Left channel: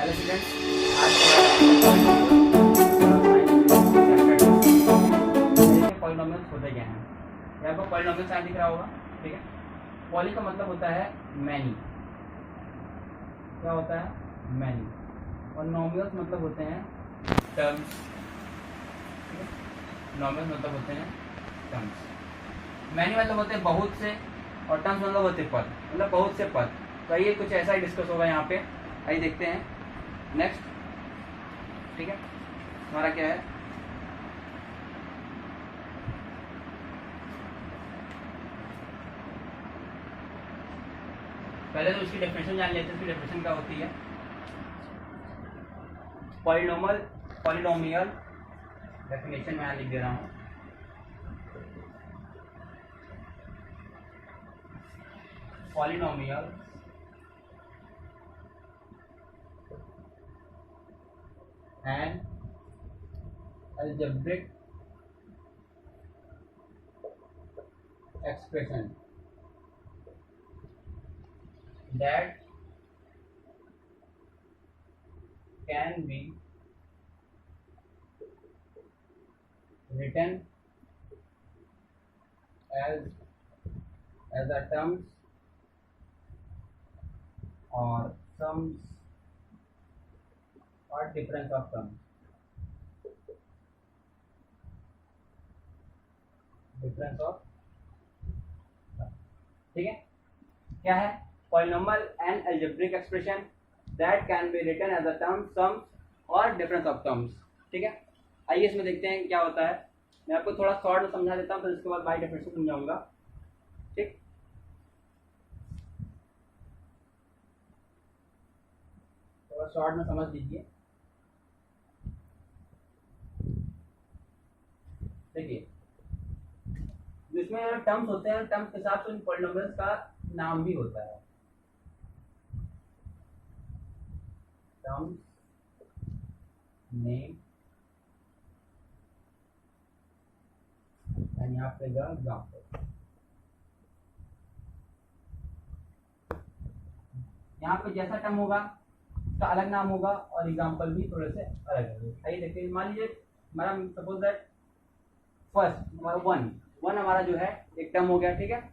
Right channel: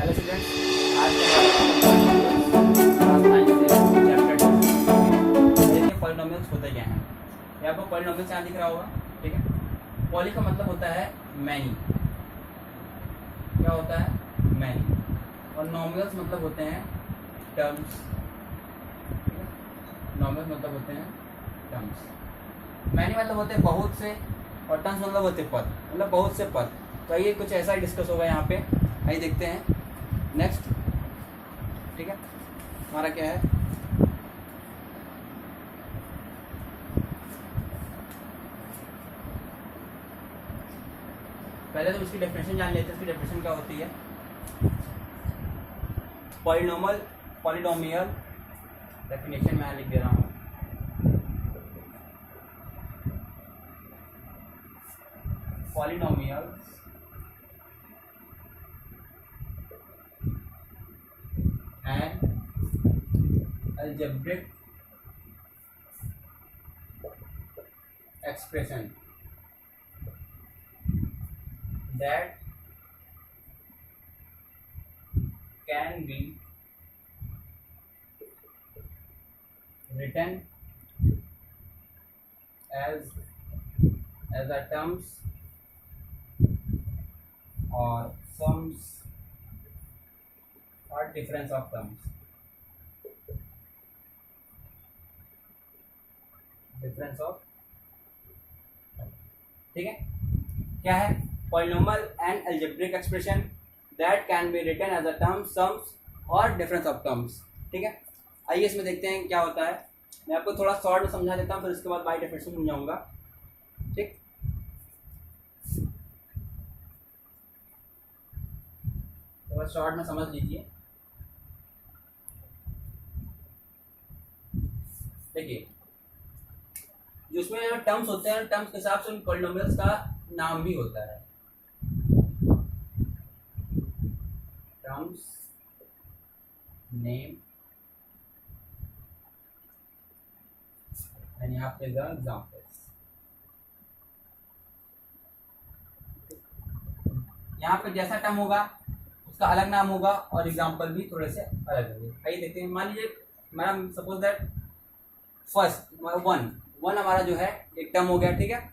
Hello students, आज chapter polynomials होते क्या हैं। ये आपको पॉलिनोमियल्स यहाँ दिख रहा होगा, ठीक है। पॉली का मतलब होता है मैनी, क्या होता है मैनी, और नॉमिनल्स मतलब होते हैं टर्म्स, नॉमिनल्स मतलब होते हैं टर्म्स। मैनी मतलब होते हैं बहुत से, और टर्म्स मतलब होते हैं पद, मतलब बहुत से पद। तो ये कुछ ऐसा ही डिस्कस होगा यहाँ पे, आइए देखते हैं नेक्स्ट, ठीक है। हमारा क्या है, पहले तो उसकी डेफिनेशन जान लेते हैं। उसकी डेफिनेशन क्या होती है। पॉलिनोमियल डेफिनेशन मैं यहाँ लिख दे रहा हूँ। Polynomial and algebraic expression that can be written as a terms or sums or difference of terms, difference of, ठीक है। क्या है polynomial and algebraic expression that can be written as a term, sums और difference of terms, ठीक है। आइए इसमें देखते हैं क्या होता है। मैं आपको थोड़ा शॉर्ट में समझा देता हूँ, फिर उसके बाद बाई डेफिनेशन समझाऊंगा, ठीक। थोड़ा शॉर्ट में समझ लीजिए। देखिए, जिसमें जो टर्म्स होते हैं, टर्म्स के हिसाब से उन पॉलिनोमियल्स का नाम भी होता है। टर्म्स नेम एंड यहाँ पे एग्जाम्पल्स। यहाँ पे जैसा टर्म होगा उसका अलग नाम होगा, और एग्जाम्पल भी थोड़े से अलग होंगे। आइए देखते हैं। मान लीजिए हमारा सपोज दैट फर्स्ट हमारा वन हमारा जो है एक टर्म हो गया, ठीक है।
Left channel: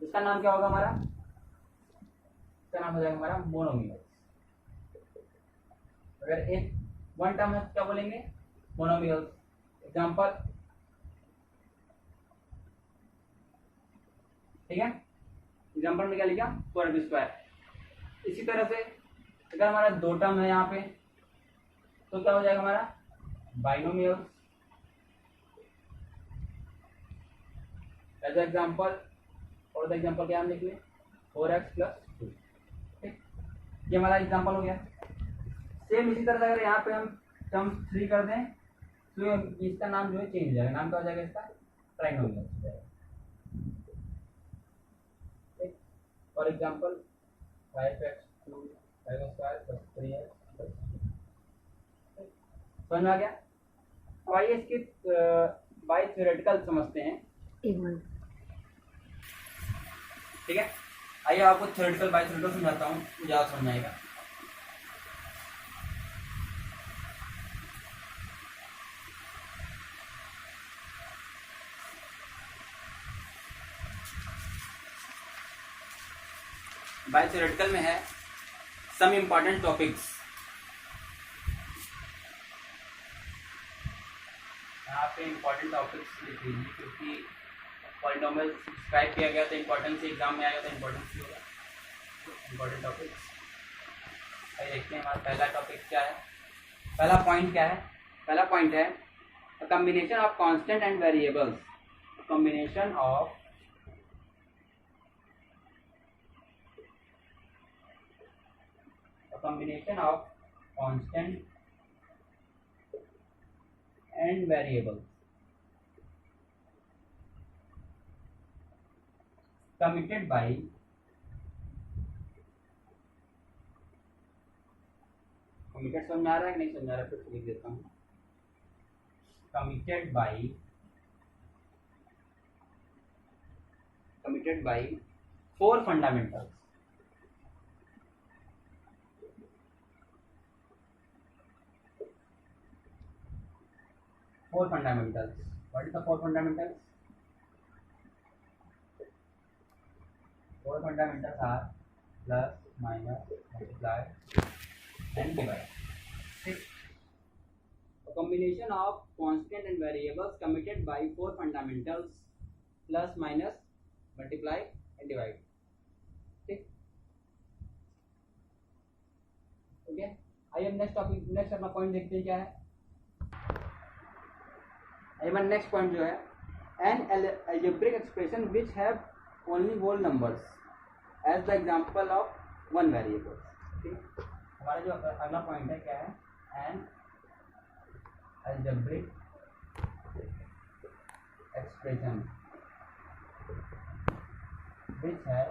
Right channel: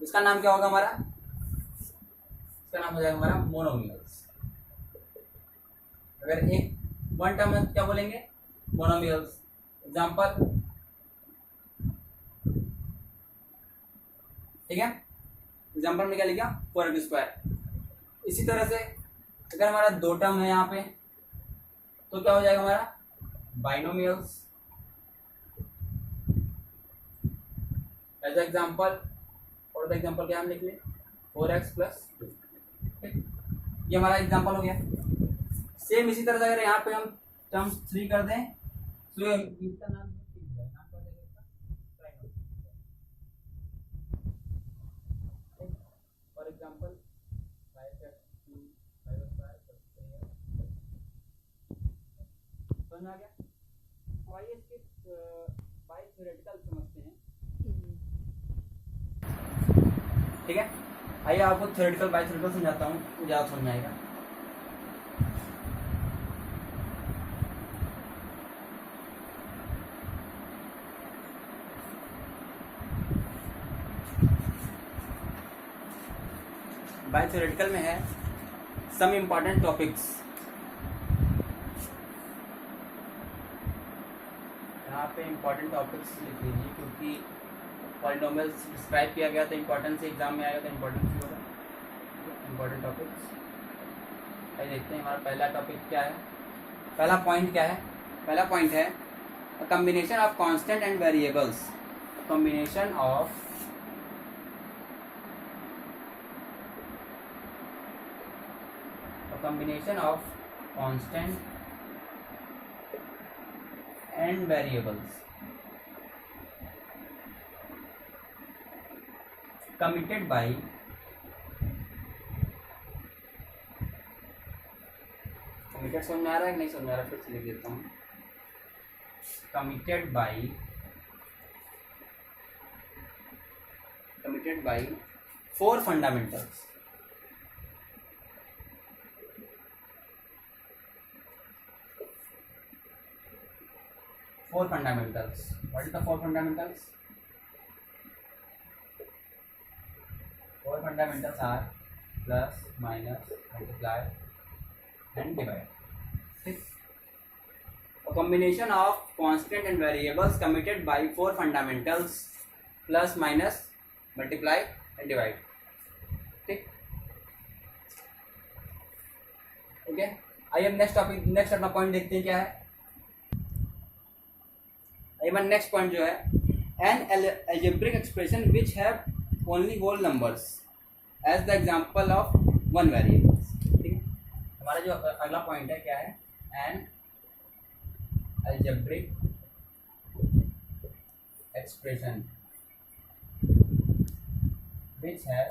इसका नाम क्या होगा हमारा, इसका नाम हो जाएगा हमारा मोनोमियल्स। अगर एक वन टर्म है क्या बोलेंगे, मोनोमियल्स। एग्जाम्पल, ठीक है। एग्जाम्पल में क्या लिखा, 4x²। इसी तरह से अगर हमारा दो टर्म है यहाँ पे तो क्या हो जाएगा हमारा बाइनोमियल्स। एज एग्जाम्पल, और एग्जाम्पल क्या हम लिख लें, 4x+2, ठीक। ये हमारा एग्जाम्पल हो गया। सेम इसी तरह से अगर यहाँ पे हम टर्म्स 3 कर दें तो इसका नाम जो है चेंज हो जाएगा। नाम क्या हो जाएगा इसका, ट्राइनोमियल हो जाएगा, ठीक। फॉर एग्जाम्पल 5x2 5x2 समझ में आ गया। अब आइए इसके बाय थ्योरेटिकल समझते हैं, ठीक है। आइए आपको थ्योरेटिकल बाय थ्योरेटिकल समझाता हूँ, ज़्यादा समझ में आएगा। बाय थ्योरेटिकल में है सम इम्पॉर्टेंट टॉपिक्स। यहाँ पे इम्पॉर्टेंट टॉपिक्स लिख लीजिए, क्योंकि पॉलिनोमियल्स डिस्क्राइब किया गया तो इम्पोर्टेंस ही एग्जाम में आएगा, तो इम्पोर्टेंस ही होगा। इम्पोर्टेंट टॉपिक्स आइए देखते हैं। हमारा पहला टॉपिक क्या है, पहला पॉइंट क्या है। पहला पॉइंट है combination of constant and variables. Combination of constant and variables committed by committed समझ में आ रहा है कि नहीं समझ में आ रहा है, फिर से लिख देता हूँ। Committed by 4 fundamentals. 4 fundamentals. What is the 4 fundamentals? 4 fundamentals are plus, minus, multiply and divide. ठीक. A combination of constant and variables committed by 4 fundamentals plus, minus, multiply and divide. ठीक. ओके, आइए नेक्स्ट टॉपिक, नेक्स्ट अपना point देखते हैं क्या है. आइए next point जो है, an algebraic expression which have only whole numbers as the example of one variables. ठीक है, हमारा जो अगला पॉइंट है क्या है, an algebraic expression which have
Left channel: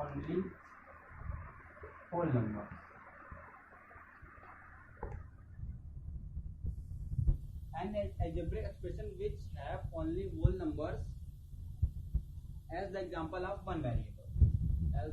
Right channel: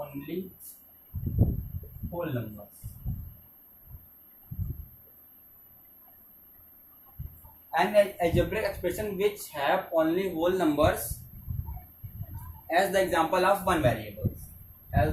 only whole numbers. An algebraic expression which have only whole numbers as the example of one variable. As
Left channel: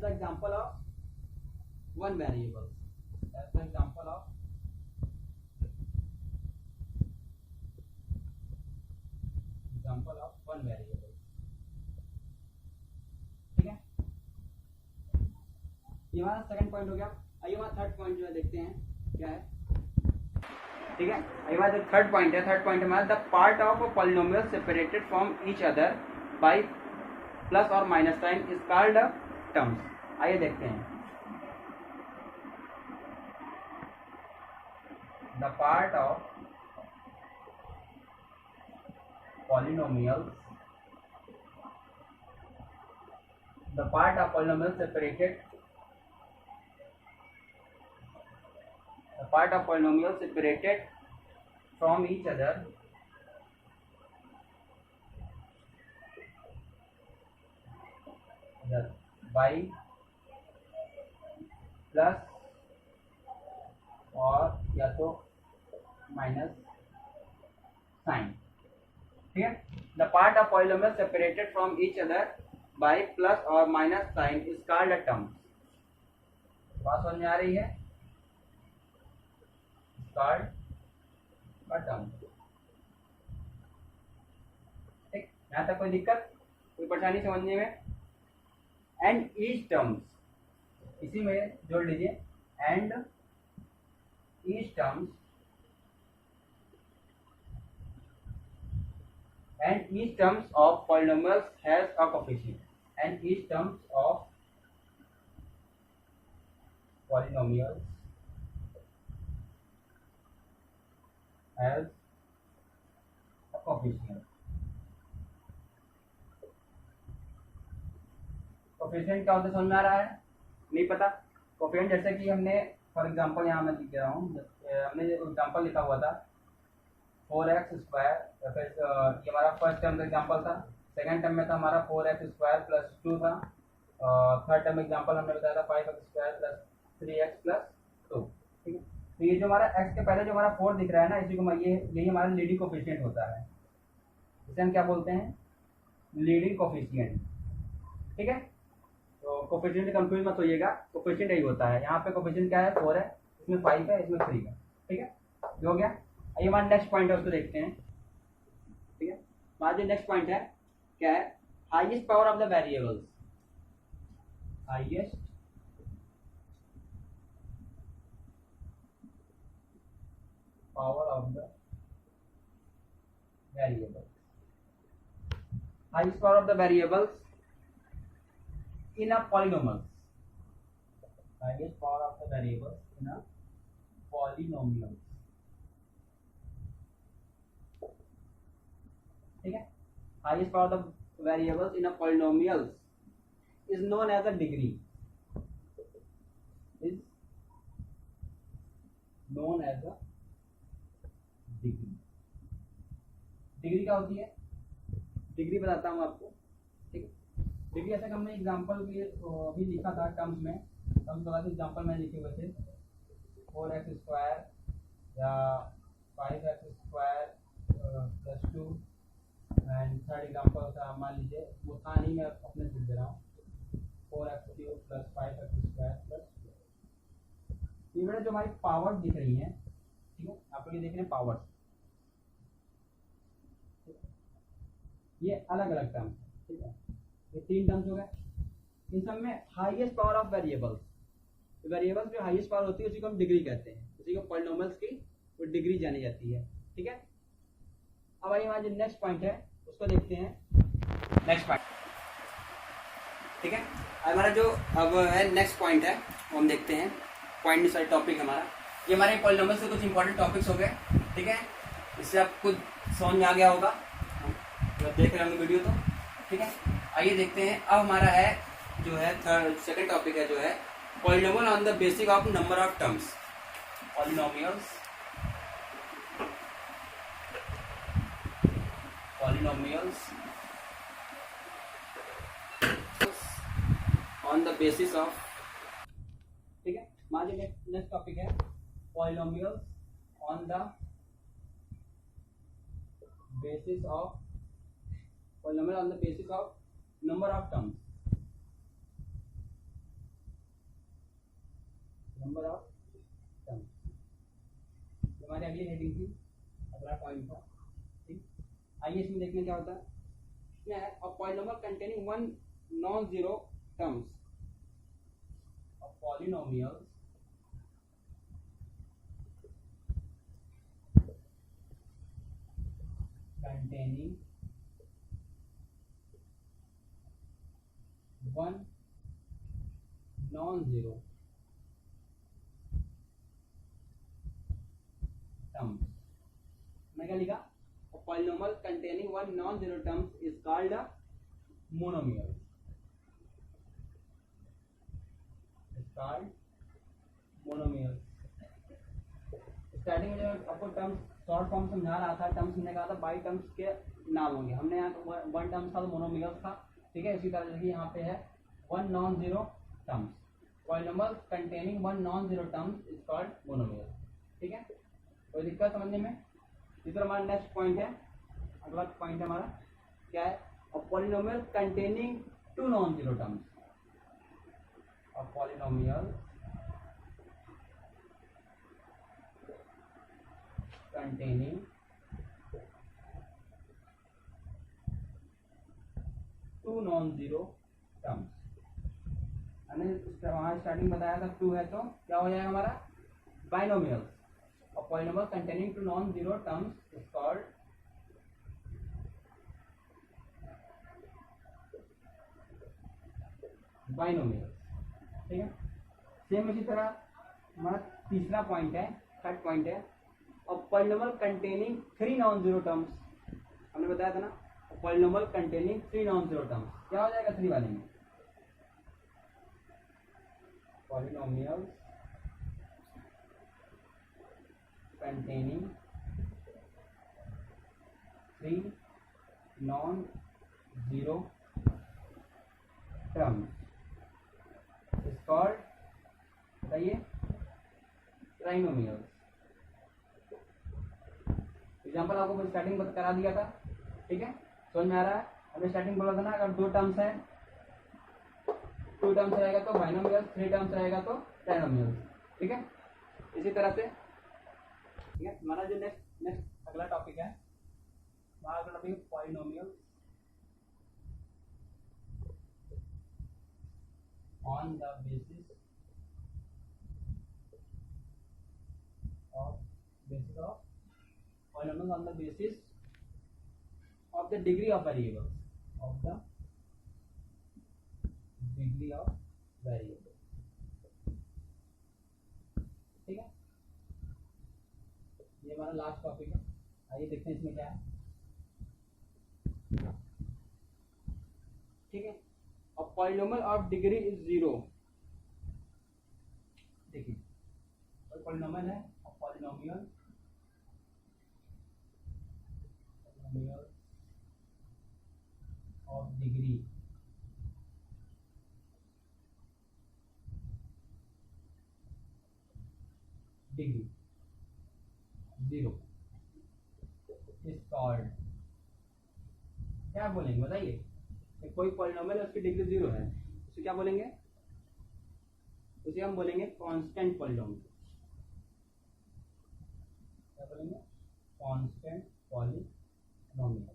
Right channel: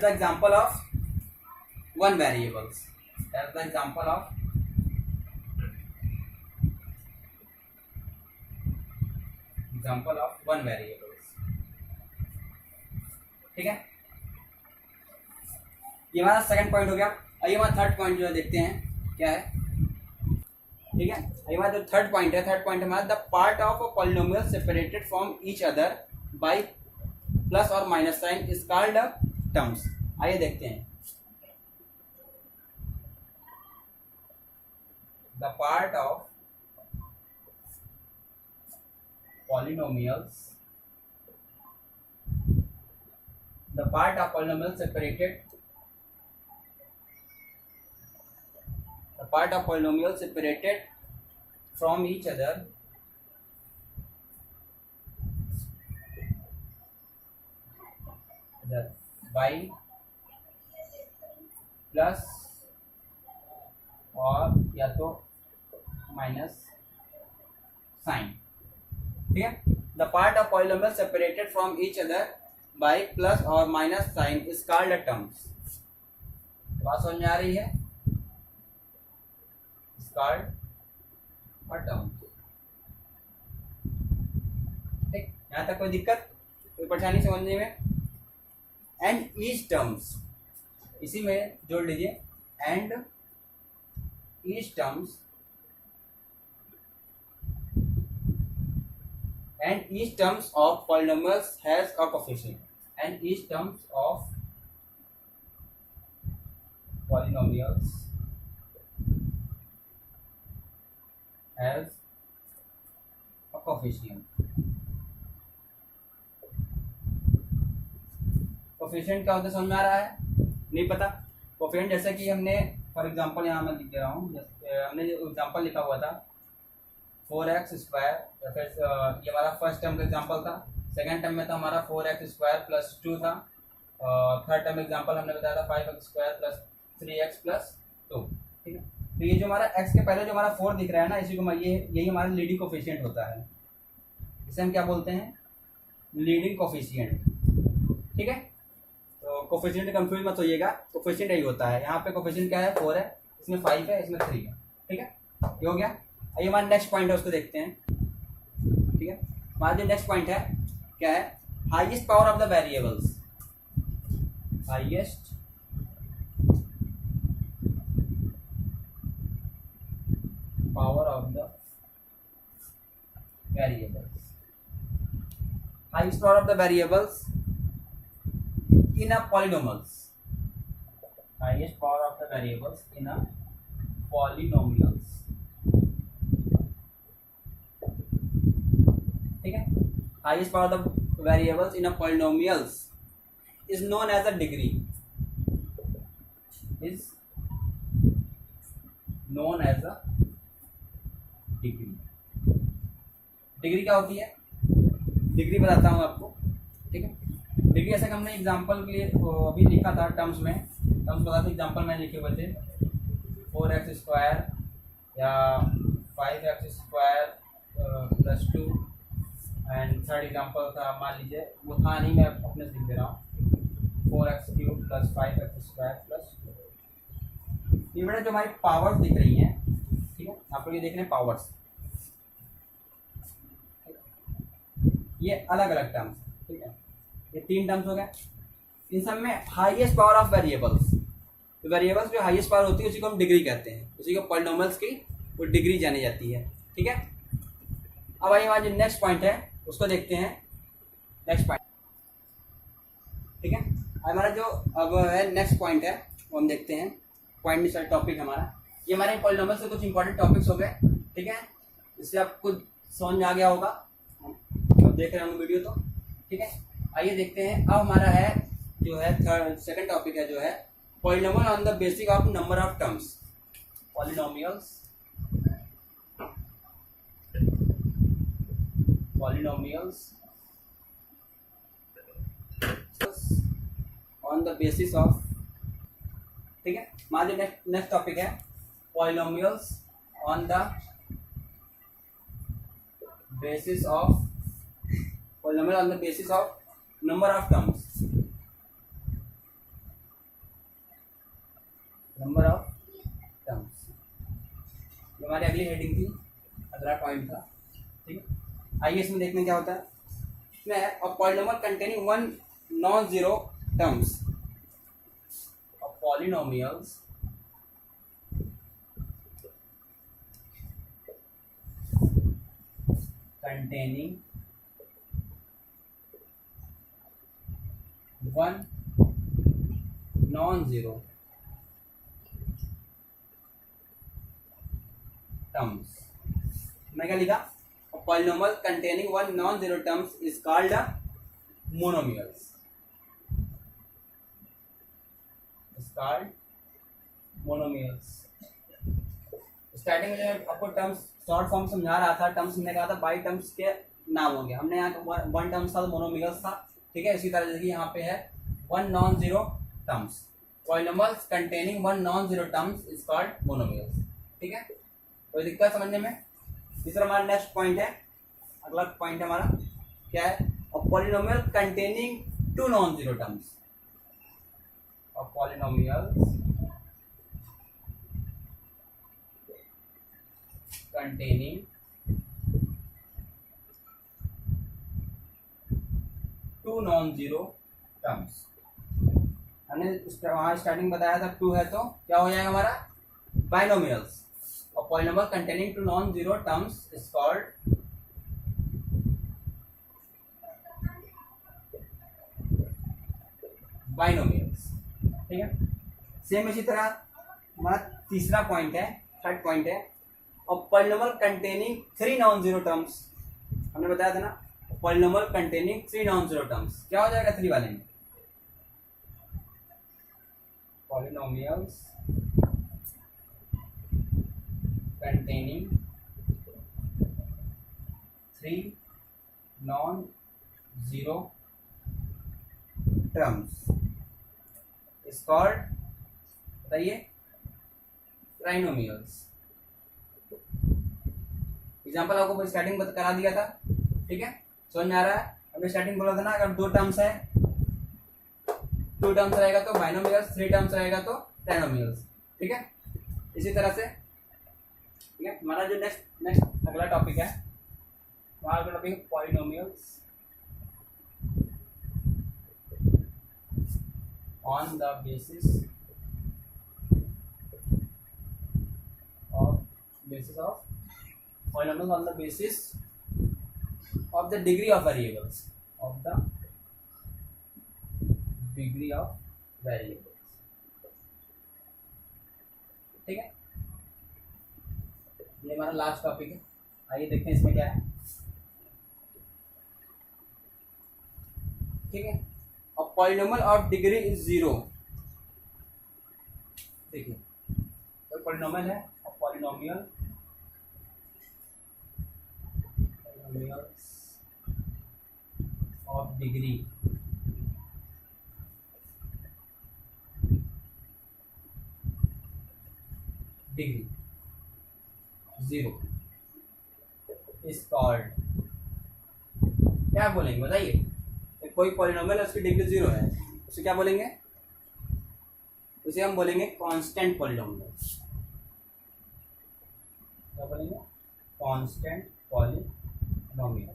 the example of one variables. As the example of one variables. ठीक है, ये हमारा second point हो गया. आइए हमारा third point जो है देखते हैं क्या है. ठीक है, आइए हमारा जो थर्ड पॉइंट है हमारा the part of a polynomial separated from each other by plus और minus sign is called terms. आइए देखते हैं. The part of polynomials, the part of polynomials separated, from each other by plus और या तो minus sign. ठीक है, the part of polynomial separated from each other by plus और minus sign is called terms. बात समझ में आ रही है, इज कॉल्ड अ टर्म्स. ठीक, यहाँ तक कोई दिक्कत, कोई परेशानी समझने में. एंड ईच टर्म्स, इसी में जोड़ लीजिए, and each terms and each terms of polynomials has a coefficient, and each terms of polynomials has a coefficient. Coefficient क्या होता है समझ में आ रहा है? नहीं पता. कोफिशिएंट जैसे कि हमने फॉर एग्जांपल यहाँ मैं लिख दे रहा हूँ, हमने जो एग्जांपल लिखा हुआ था 4x², या फिर ये हमारा फर्स्ट टर्म का एग्जांपल था. सेकंड टर्म में था हमारा 4x² प्लस 2 था. थर्ड टर्म एग्जांपल हमने बताया था 5x² प्लस 3x प्लस 2. ठीक है, तो ये जो हमारा x के पहले जो हमारा 4 दिख रहा है ना, इसी को यही हमारा लीडिंग कोफिशिएंट होता है. इसे हम क्या बोलते हैं? Leading coefficient. ठीक है, तो कोफिशिएंट कंफ्यूज मत होइएगा, कोफिशिएंट यही होता है. यहाँ पे कोफिशिएंट क्या है? 4 है, इसमें 5 है, इसमें 3 है. ठीक है, ये हो गया. आइए हमारा नेक्स्ट पॉइंट है, उसको देखते हैं. ठीक है, हमारा जो नेक्स्ट पॉइंट है क्या है? Highest power of the variables. Highest power of the variables. Highest power of the variables in a polynomials. Highest power of the variables in a polynomials. ठीक है, highest power of the variables in a polynomials is known as a degree. Is known as a degree. Degree क्या होती है? Degree बताता हूँ आपको. ठीक है, डिग्री ऐसा कि हमने एग्जांपल के लिए अभी लिखा था टर्म्स में. टर्म्स बता दो, एग्जांपल में लिखे हुए थे 4x² या 5x² plus 2 and third example था, मान लीजिए वो था नहीं, मैं अपने से लिख दे रहा हूँ 4x³ + 5x² + ये बेटा जो हमारी पावर्स दिख रही हैं, ठीक है, आप लोग ये देख रहे हैं पावर्स, ये अलग अलग टर्म्स, ठीक है, ये 3 टर्म्स हो गए। इन सब में हाईएस्ट पावर ऑफ वेरिएबल्स, तो वेरिएबल्स जो हाईएस्ट पावर होती है उसी को हम डिग्री कहते हैं, उसी को पॉलिनोमियल्स की वो डिग्री जानी जाती है, ठीक है। अब आइए हमारा जो नेक्स्ट पॉइंट है उसको देखते हैं, नेक्स्ट पॉइंट, ठीक है। हमारा जो अब है नेक्स्ट पॉइंट है वो हम देखते हैं, पॉइंट सर टॉपिक हमारा, ये हमारे पॉलिनोमियल से कुछ इंपॉर्टेंट टॉपिक्स हो गए, ठीक है, इससे आपको समझ में आ गया होगा, अब देख रहे होंगे वीडियो तो, ठीक है। आइए देखते हैं, अब हमारा है जो है सेकंड टॉपिक है जो है polynomial on the basis of number of terms, polynomials on the basis of, ठीक है। हमारा नेक्स्ट टॉपिक है polynomials on the basis of, polynomial on the basis of number of terms, number of terms, हमारी अगली heading थी, अगला point था, ठीक है। आइए इसमें देखने क्या होता है, इसमें है a polynomial containing one non zero terms, polynomials containing one non-zero terms, मैं क्या लिखा, polynomial containing one non zero terms is called monomials, monomials. Starting में आपको टर्म्स शॉर्ट फॉर्म समझा रहा था, टर्म्स हमने कहा था बाई टर्म्स के नाम होंगे, हमने यहाँ वन टर्म्स था तो मोनोमियल्स था, ठीक है। इसी तरह से यहाँ पे है one non zero terms, polynomials containing one non zero terms is called monomials, ठीक है। कोई दिक्कत समझने में। तीसरा हमारा नेक्स्ट पॉइंट है, अगला पॉइंट हमारा क्या है, polynomial containing two non zero terms, polynomials containing two non zero terms, हमने वहाँ स्टार्टिंग बताया था टू है तो क्या हो जाएगा हमारा बाइनोमियल्स, और polynomial containing two non zero terms is called binomials, ठीक है। सेम इसी तरह हमारा तीसरा पॉइंट है, थर्ड पॉइंट है, और polynomial containing three non zero terms, हमने बताया था ना, polynomial containing three non zero terms, क्या हो जाएगा थ्री वाले में, polynomials containing three non zero terms is called, बताइए, ट्राइनोमियल्स। एग्जाम्पल आपको स्टार्टिंग करा दिया था, ठीक है, समझ में आ रहा है। हमने स्टार्टिंग बोला था ना, अगर दो टर्म्स है, टू टर्म्स रहेगा तो बाइनोमियल्स, थ्री टर्म्स रहेगा तो ट्राइनोमियल्स, ठीक है। इसी तरह से, ठीक है, हमारा जो नेक्स्ट अगला टॉपिक है, हमारा अगला topic polynomials on the basis of polynomials on the basis of the degree of variables, ठीक है। ये हमारा लास्ट टॉपिक है, आइए देखते हैं इसमें क्या है, ठीक है। और polynomial of degree is zero, देखिए कोई पॉलिनोमियल है, और polynomial of degree zero is called, क्या बोलेंगे बताइए? कोई पॉलिनोमियल है उसकी डिग्री 0 है, उसे क्या बोलेंगे? उसे हम बोलेंगे कांस्टेंट पॉलिनोमियल। क्या बोलेंगे? Constant polynomial.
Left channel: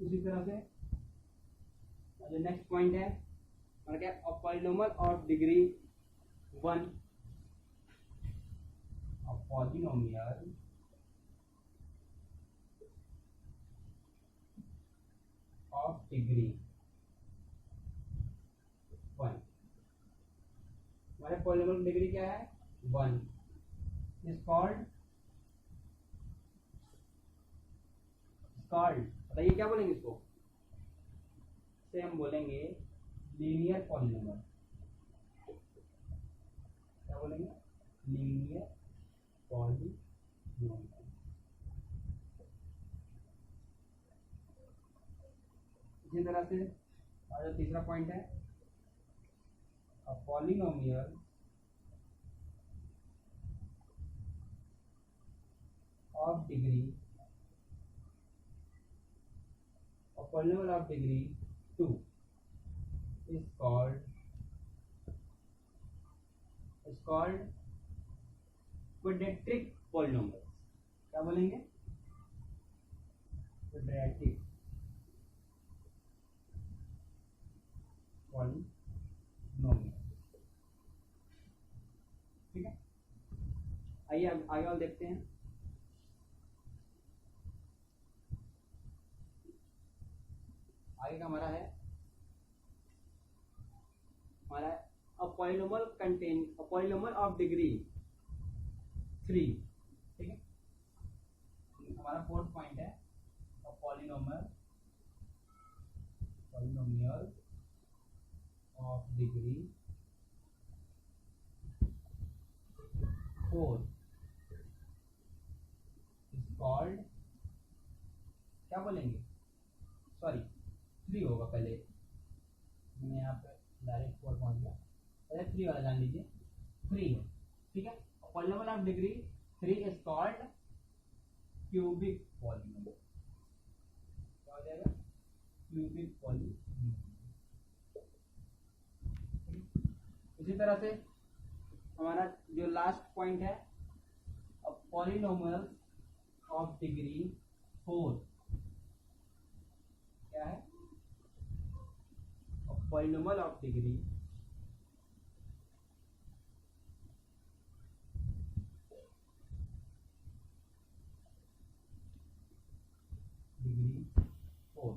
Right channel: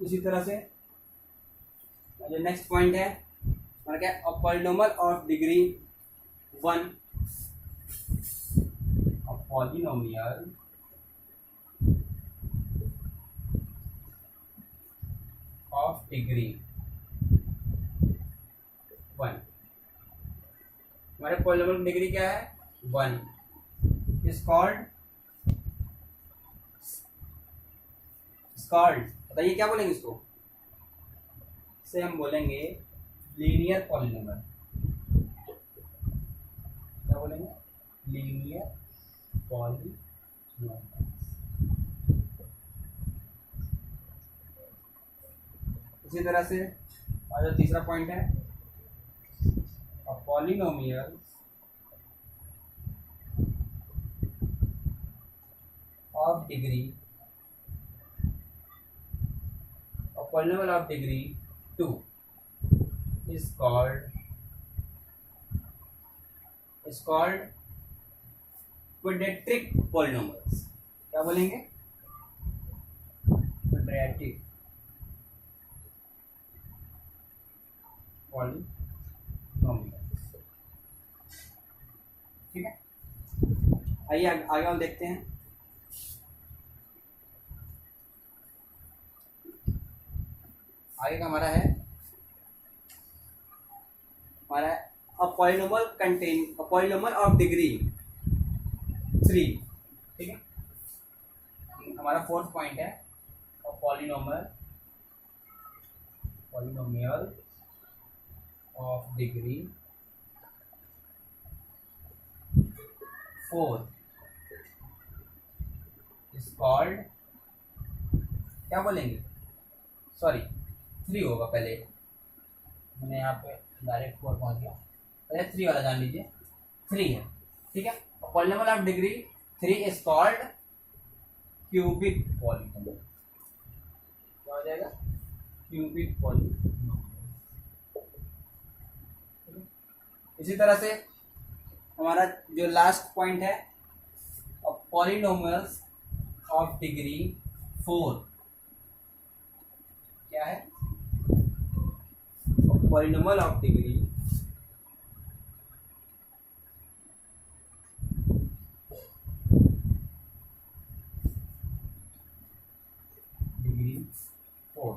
इसी तरह से जो नेक्स्ट पॉइंट है हमारा क्या? A polynomial of degree 1, a polynomial of degree 1। हमारे पॉलिनोमियल की डिग्री क्या है? 1 इज कॉल्ड बताइए क्या बोलेंगे इसको? इसे हम बोलेंगे लीनियर पॉलिनोमियल। क्या बोलेंगे? Linear polynomial. इसी तरह से और जो तीसरा पॉइंट है, a polynomial of degree, a polynomial of degree 2 is called quadratic polynomials। क्या बोलेंगे? quadratic polynomials। ठीक है, आइए आगे हम देखते हैं। आगे का हमारा है अ पॉलिनोमियल ऑफ डिग्री 3। ठीक है, हमारा फोर्थ पॉइंट है a polynomial of degree 4 is called, क्या बोलेंगे? सॉरी 3 होगा, पहले मैंने यहाँ पे डायरेक्ट 4 पहुंच गया, पहले 3 वाला जान लीजिए। 3 है, ठीक है। Polynomial of degree 3 is called cubic polynomial. क्या हो जाएगा? Cubic polynomial. इसी तरह से हमारा जो लास्ट पॉइंट है, पॉलिनोमियल्स ऑफ डिग्री 4। क्या है? Polynomial of degree 4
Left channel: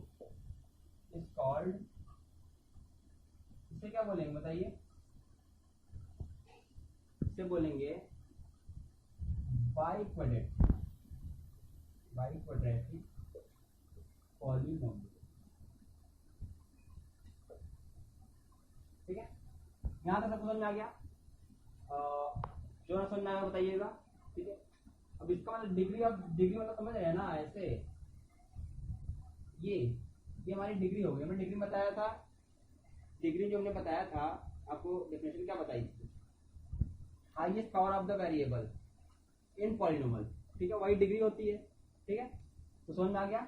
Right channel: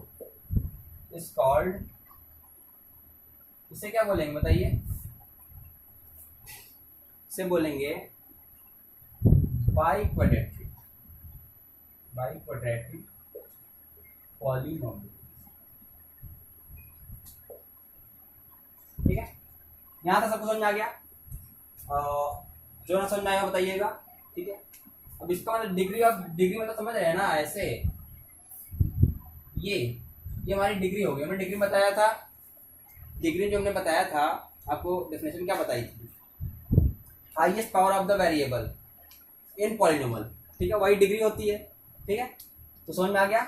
is called, इसे क्या बोलेंगे बताइए? इसे बोलेंगे बाइक्वाड्रेटिक पॉलिनोमियल। ठीक है, यहाँ तक सबको समझ में आ गया? जो ना समझ में आएगा बताइएगा। ठीक है, अब इसका मतलब डिग्री मतलब समझ रहे हैं ना? ऐसे ये हमारी डिग्री हो गई। हमने डिग्री बताया था, डिग्री जो हमने बताया था आपको डेफिनेशन क्या बताई थी? Highest power of the variable in polynomial. ठीक है, वही डिग्री होती है। ठीक है, तो समझ में आ गया?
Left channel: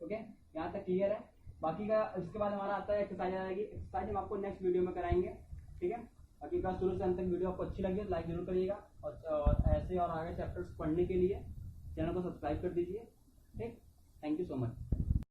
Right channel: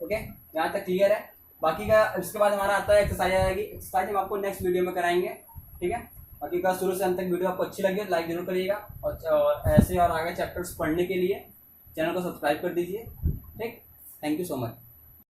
ओके, यहाँ तक क्लियर है? बाकी का इसके बाद हमारा आता है एक्सरसाइज आएगी। एक्सरसाइज हम आपको नेक्स्ट वीडियो में कराएंगे। ठीक है, बाकी का शुरू से अंत तक वीडियो आपको अच्छी लगी तो लाइक जरूर करिएगा, और ऐसे और आगे चैप्टर्स पढ़ने के लिए चैनल को सब्सक्राइब कर दीजिए। ठीक, थैंक यू सो मच।